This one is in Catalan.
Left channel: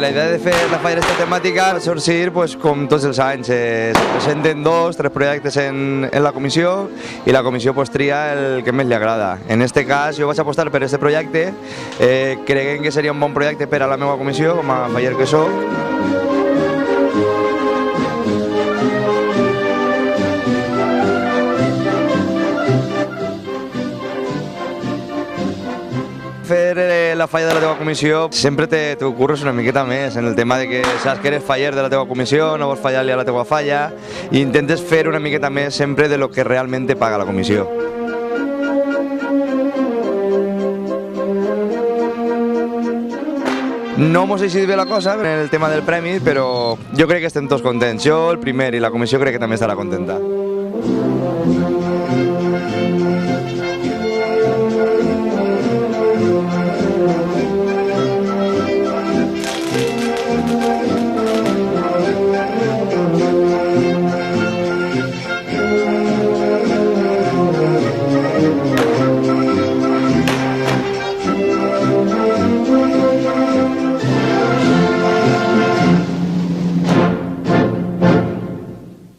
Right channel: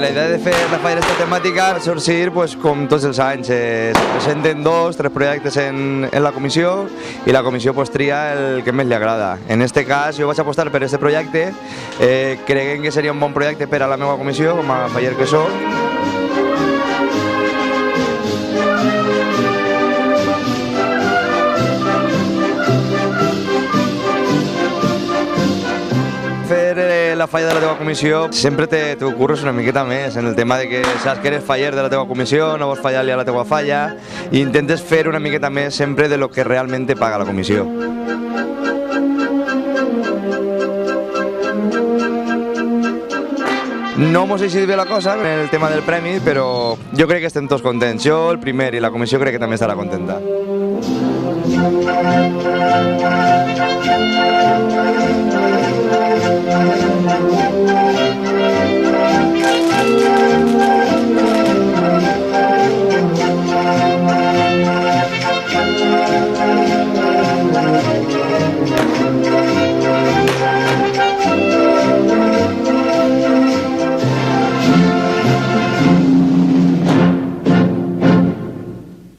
La idea de fer la falla d'esta temàtica va sorgir pues, com tots els anys. Se presenten 2-3 projectes en la comissió i la comissió pues, tria el que més li agrada. En aquest cas jo vaig apostar per aquest projecte, creguem que seria un bon projecte per a la meva comissió com a faller que soc. Fer la falla de la teva comissió sempre t'ho curres una miqueta més en el tema de que saps que eres faller de la teva comissió, no vols fallar-li a la teva falla i intentes fer una miqueta més sempre de lo que realment te paga la comissió. No mos ha eixit bé la cosa en el tema del premi, però jo crec que estem tots contents. Jo, el primer, i la comissió crec que també estarà contenta.